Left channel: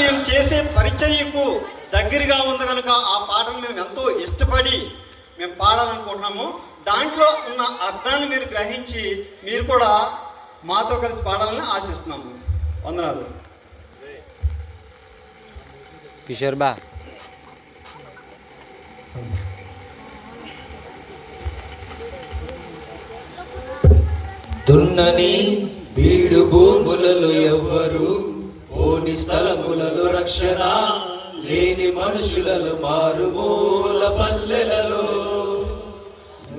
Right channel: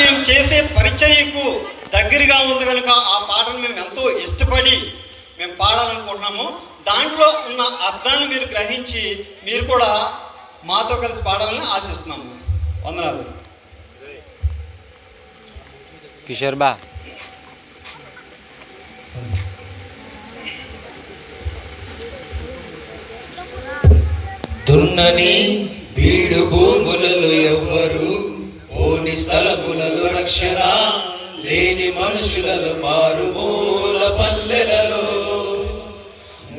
మేము చేసే పరిచర్యకు దగ్గరగా ఉంది కనుక ఆ పాటను మేము ఎంతో ఇష్టపడి మేము పాడాలనుకుంటున్నాము. దాంట్లో ఉన్న అర్థాన్ని మీరు గ్రహించి మీరు కూడా మాతో కలిసి పాడాలని ఆశిస్తున్నాము. వందనాలు. కిషోర్ బా. దున్నని బీడు భూములలో ఎవ్వరు పోని స్థలములలో రక్షణ లేని మనుషులలో మారుమూల పల్లెలలో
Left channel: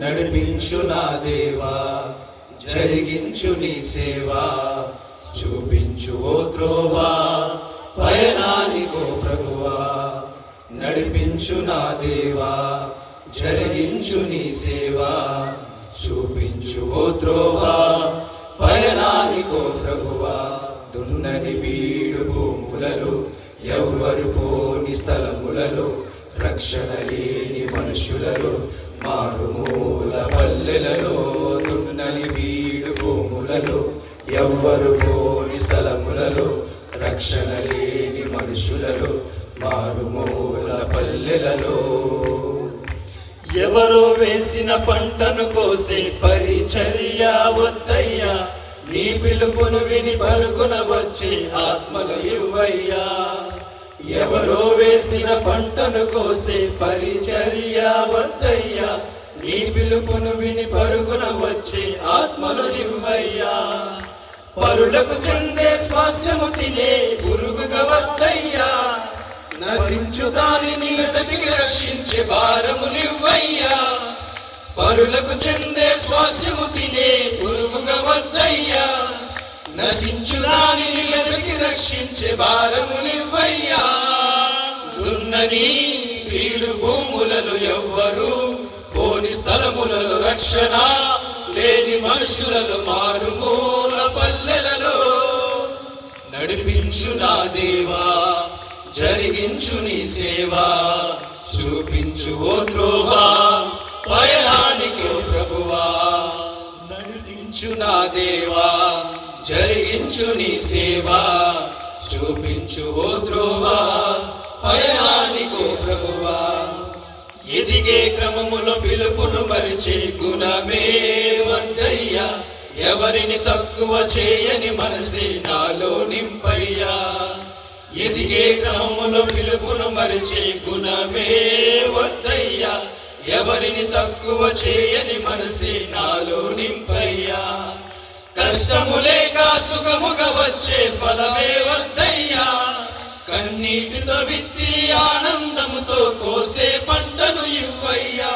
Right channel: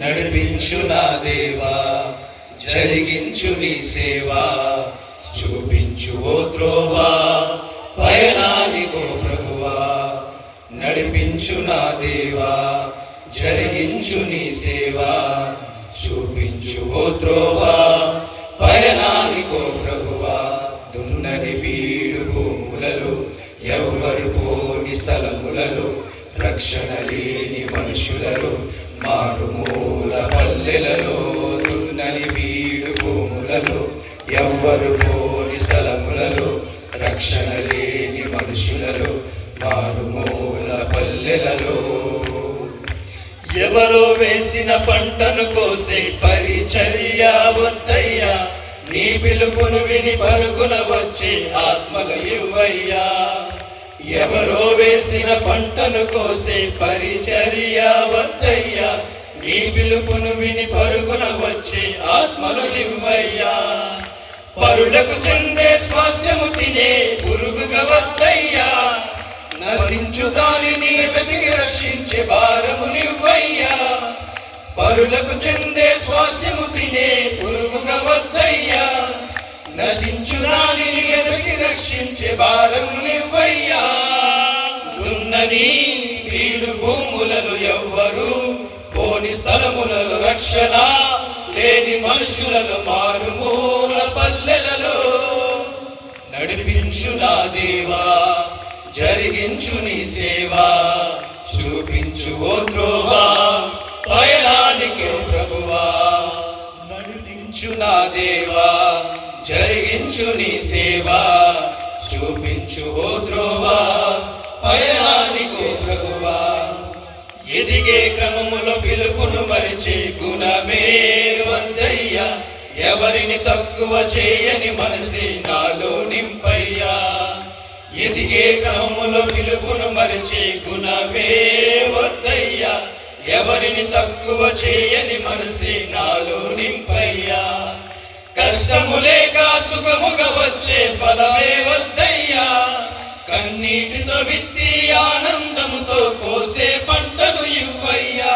నడిపించు నా దేవా జరిగించు నీ సేవా చూపించు ఓ త్రోవా పయనానికో ప్రభువా నడిపించు నా దేవా జరిగించు నీ సేవా చూపించు ఓ త్రోవా పయనానికో ప్రభువా దున్నని బీడు భూములలో ఎవ్వరు పోని స్థలములలో రక్షణ లేని మనుషులలో మారుమూల పల్లెలలో దున్నని బీడు భూములలో ఎవ్వరు పోని స్థలములలో రక్షణ లేని మనుషులలో మారుమూల పల్లెలలో ఎవరో వేసిన పంటను కోసే పరిచర్య వద్దయ్యా నీ పిలుపును విని పరుగున వచ్చి ఆత్మలు ఇవ్వయ్యా ఎవరో వేసిన పంటను కోసే పరిచర్య వద్దయ్యా నీ పిలుపును విని పరుగున వచ్చి ఆత్మలు ఇవ్వయ్యా పరులకు చెందే స్వాస్యము తినే పురుగుగా వద్దయ్యా నశించు దానిని వెతికి రక్షించే భారమునివ్వయ్యా పరులకు చెందే స్వాస్యము తినే పురుగుగా వద్దయ్యా నశించు దానిని వెతికి రక్షించే భారమునివ్వయ్యా దున్నని బీడు భూములలో ఎవ్వరు పోని స్థలములలో రక్షణ లేని మనుషులలో మారుమూల పల్లెలలో నడిపించు నా దేవా జరిగించు నీ సేవా చూపించు ఓ త్రోవా పయనానికి ప్రభువా నడిపించు నా దేవా జరిగించు నీ సేవా చూపించు ఓ త్రోవా పయనానికి ప్రభువా ఎదిగే క్రమములో పిలుపును మరిచే గుణమే వద్దయ్యా ఎవరిని తక్కువ చేయని మనసి నాలో నింపయ్యా ఎదిగే క్రమములో పిలుపును మరిచే గుణమే వద్దయ్యా ఎవరిని తక్కువ చేయని మనసి నాలో నింపయ్యా కష్టము లేక సుఖముగా వచ్చే ఫలమే వద్దయ్యా కన్నీటితో విత్తి ఆనందముతో కోసే పంటను ఇవ్వయ్యా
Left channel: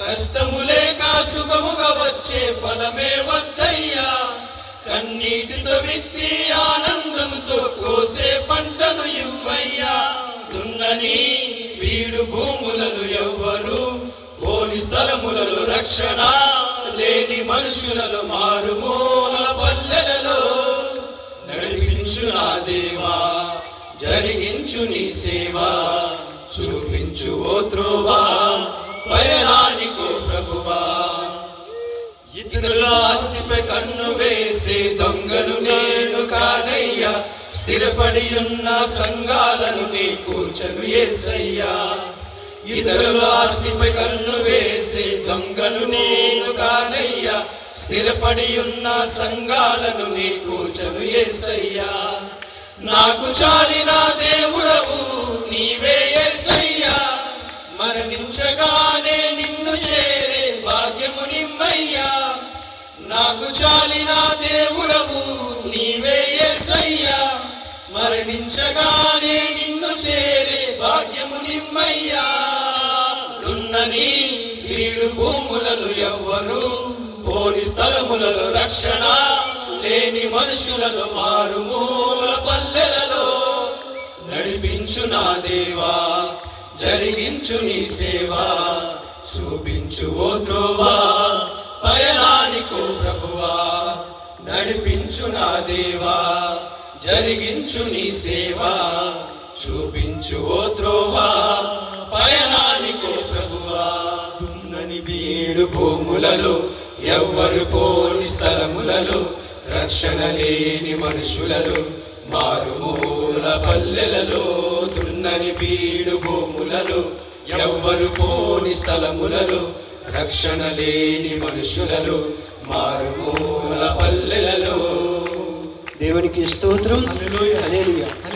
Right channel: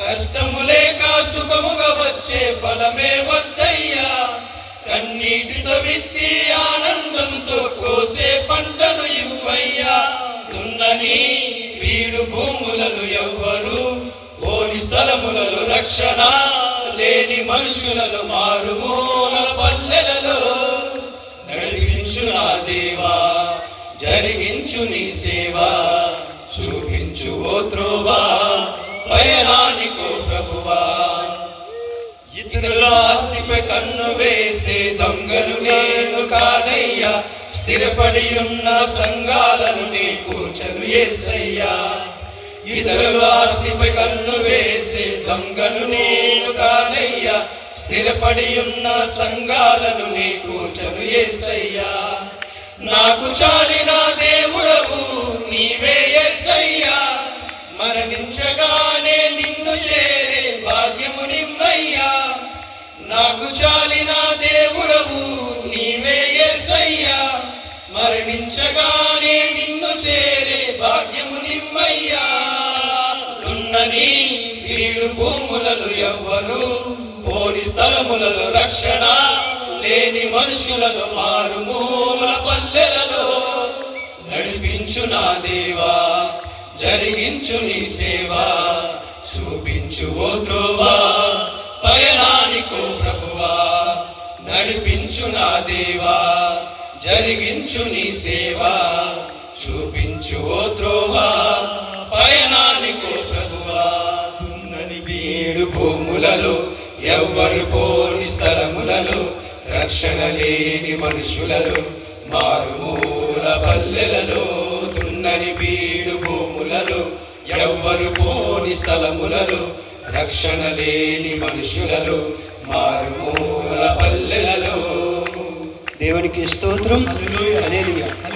కష్టము లేక సుఖముగా వచ్చే ఫలమే వద్దయ్యా కన్నీటితో విత్తి ఆనందంతో కోసే పంటను ఇవ్వయ్యా దున్నని బీడు భూములలో ఎవ్వరు పోని స్థలములలో రక్షణ లేని మనుషులలో మారుమూల పల్లెలలో నడిపించు నా దేవా జరిగించు నీ సేవా చూపించు ఓ త్రోవా పయనానికో ప్రభువా ఇతరుల ఆస్తిపై కన్ను వేసే దొంగను నేను కానయ్యా స్థిరపడి ఉన్న సంఘాలను నీ కూర్చను యేసయ్యా ఇతరుల ఆస్తిపై కన్ను వేసే దొంగను నేను కానయ్యా స్థిరపడి ఉన్న సంఘాలను నీ కూర్చను యేసయ్యా నాకు చాలిన దేవుడవు నీవే యేసయ్యా మరణించగానే నిన్ను చేరే భాగ్యము నిమ్మయ్యా నాకు చాలిన దేవుడవు నీవే యేసయ్యా మరణించగానే నిన్ను చేరే భాగ్యము నిమ్మయ్యా దున్నని బీడు భూములలో ఎవ్వరు పోని స్థలములలో రక్షణ లేని మనుషులలో మారుమూల పల్లెలలో నడిపించు నా దేవా జరిగించు నీ సేవా చూపించు ఓ త్రోవా పయనానికో ప్రభువా నడిపించు నా దేవా జరిగించు నీ సేవా చూపించు ఓ త్రోవా పయనానికో ప్రభువా దున్నని బీడు భూములలో ఎవ్వరు పోని స్థలములలో రక్షణ లేని మనుషులలో మారుమూల పల్లెలలో దున్నని బీడు భూములలో ఎవ్వరు పోని స్థలములలో రక్షణ లేని మనుషులలో మారుమూల పల్లెలలో. దేవునికి స్తోత్రం. హల్లెలూయా.